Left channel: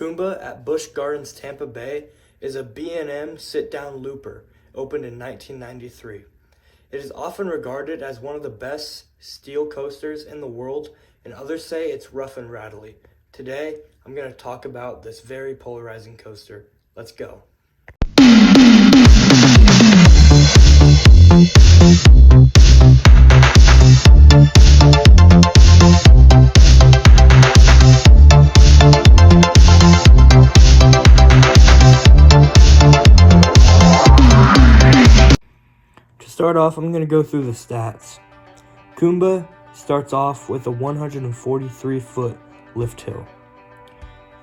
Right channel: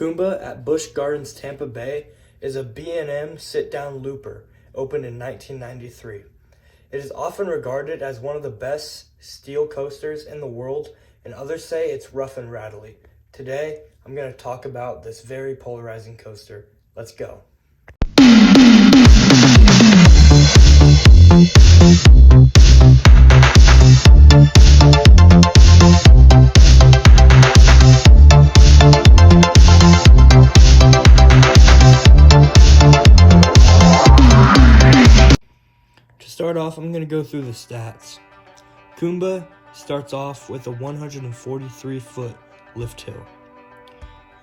Kumba at Busch Gardens Tampa Bay is a B&M sit-down looper, opened in 1993. It is often regarded as one of the best steel coasters in the world, and others say it's rough and rattly. Today, I'm going to talk about this very polarizing coaster. Let's go. To start off, I'm going to go through the stats. Kumba starts off with a 143-foot lift hill.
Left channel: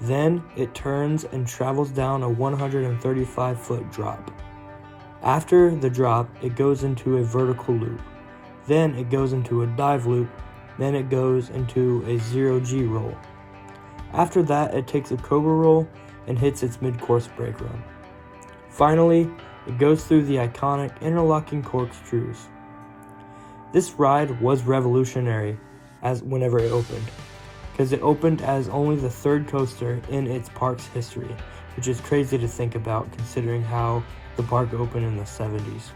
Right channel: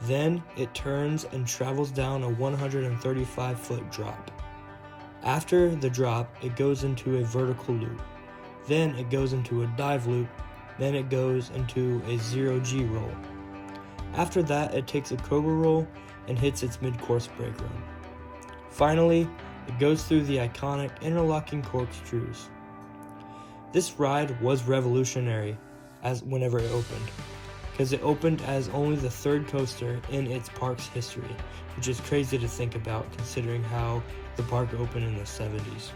Then it turns and travels down a 135-foot drop. After the drop, it goes into a vertical loop. Then it goes into a dive loop. Then it goes into a 0G roll. After that, it takes a cobra roll and hits its mid-course brake run. Finally, it goes through the iconic interlocking corkscrews. This ride was revolutionary whenever it opened, because it opened as only the third coaster in its park's history, which is crazy to think about considering how the park opened in the 70s.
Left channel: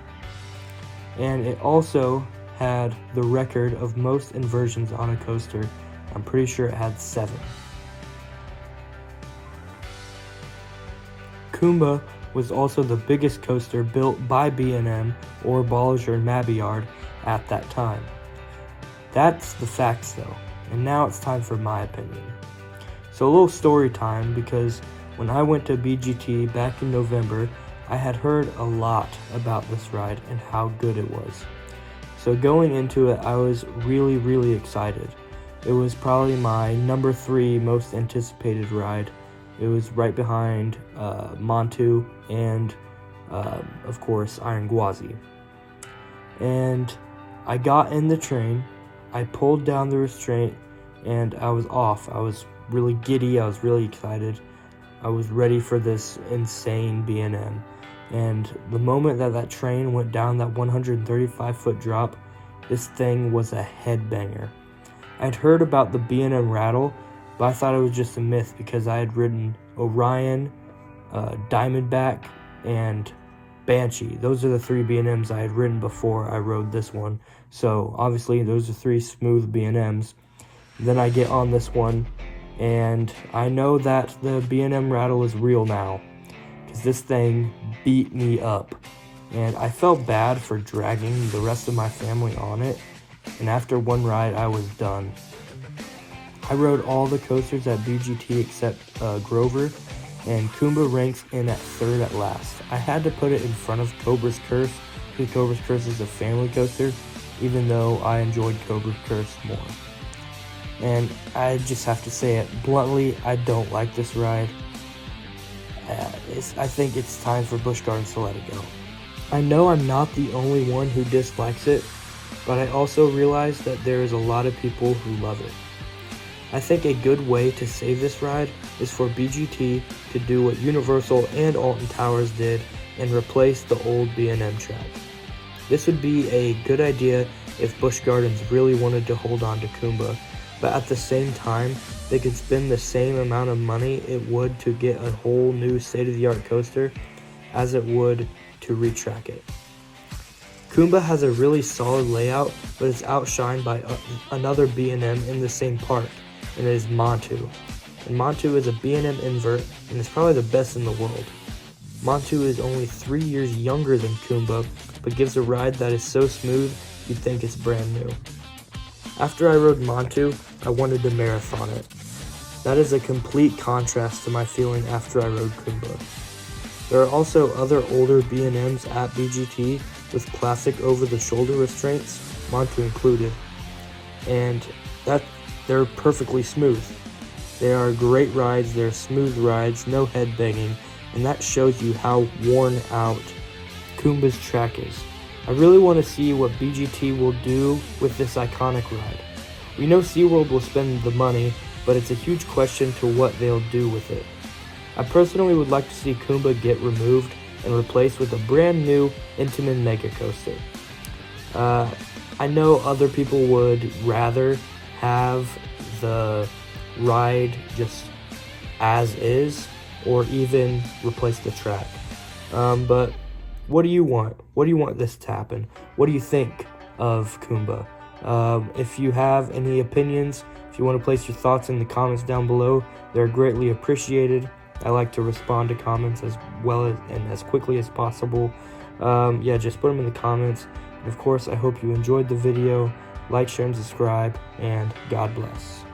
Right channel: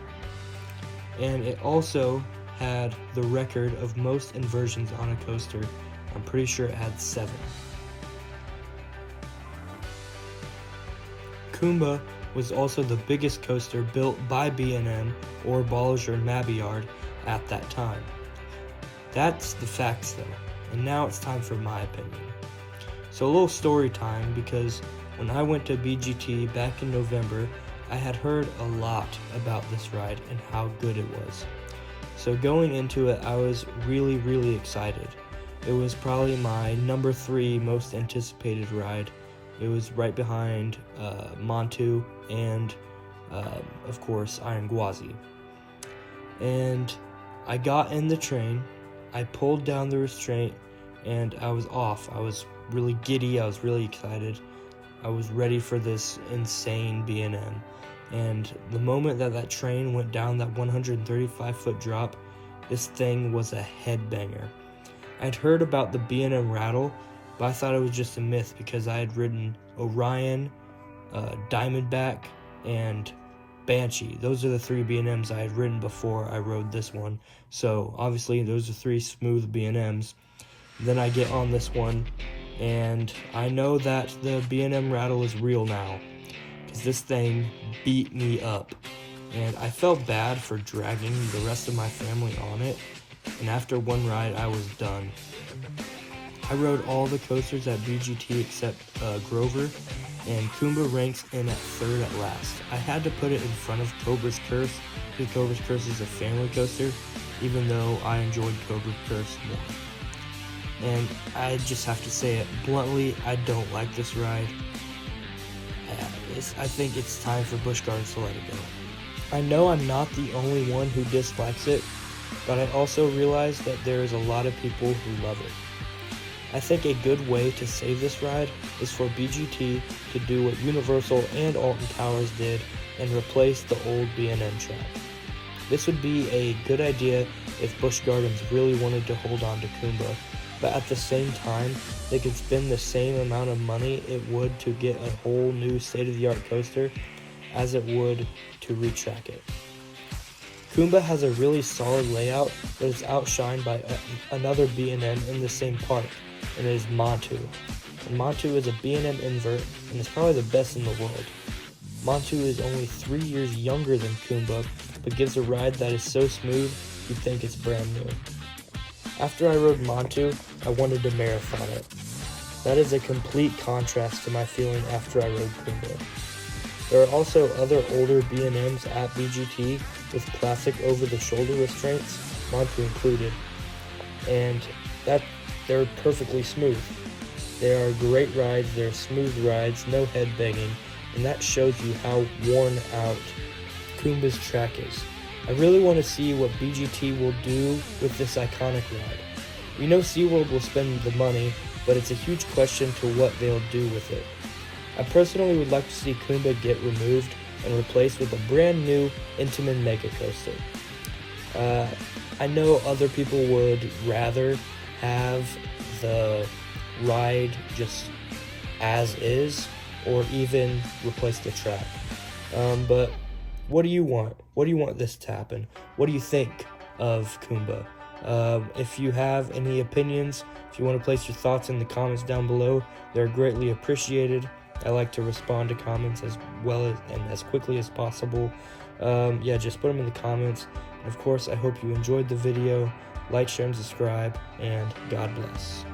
And it also had the record of most inversions on a coaster. I'm pretty sure it had 7. Kumba was also the biggest coaster built by B&M or Bolliger-Mabillard at that time. That's the facts though, and now it's time for my opinion. So a little story time, because when I went to BGT back in November, I had heard a lot about this ride and how good it was. So going into it, I was really excited. It was probably my number 3 most anticipated ride. It was right behind Montu and, of course, Iron Gwazi. And I got in the train, I pulled down the restraint, and I was off. I was really giddy, I was really excited. I was ready for this insane B&M. And the moment that train went down that 135-foot drop, this thing was a headbanger. I'd heard about the B&M rattle, but I thought it was just a myth because I had ridden Orion, Diamondback, and Banshee. Those are the 3 B&Ms I had ridden before I rode this one. So obviously those are 3 smooth B&Ms. Then I get on this one, and I know that the B&M rattle is real now, because this thing beat me up. And I felt bad for dragging the rest of my family on it, and after one ride I was done. I rode all the coasters at BGT except Grover, and Kumba ranks in at 3rd at last. I had to put it in front of Cobra's Curse, because Cobra's Curse is a family coaster, even though I enjoyed Cobra's Curse more. And I just have to say it bluntly, I don't like this ride. I think it's time for Busch Gardens to let it go. I know I'm not the only one who dislikes it, but I also realize that there is a lot of people who love it. I think a good way to save this ride is for BGT to do what Universal and Alton Towers did and replace the old B&M track. This would be a good idea if Busch Gardens really wanted to hold on to Kumba, but at the same time, they could spend the same amount of money it would to get a whole new state-of-the-art coaster as it would to retrack it. Kumba has a really solid layout, but it's outshined by another B&M in the same park, and it is Montu. And Montu is a B&M invert, and is probably the best in the world. Montu is only 3 years younger than Kumba, but gives a ride that is so smooth you'd think it's brand new. After I rode Montu, I wanted to marathon it. That is a complete contrast to my feeling after I rode Kumba. There are also other older B&Ms at BGT with classic over-the-shoulder restraints, Montu included, and they're perfectly smooth. They are great rides, they're smooth rides, no head banging, and that shows you how worn out Kumba's track is. I really want to see what BGT will do with this iconic ride. We know SeaWorld will spend the money, but it's a huge question to what they'll do with it. I personally would like to see Kumba get removed and replaced with a brand new Intamin Mega Coaster. I know other people would rather have the ride just as is, or even replace the track. But what do you want? What do you want this to happen? What do you think of Kumba? If you have any opinions, if you want to place your thoughts in the comments down below, they're greatly appreciated. I like to respond to comments as well as and as quickly as possible. Yeah, just put them in the comments. And of course, I hope you enjoyed the video. Like, share, and subscribe, and God bless.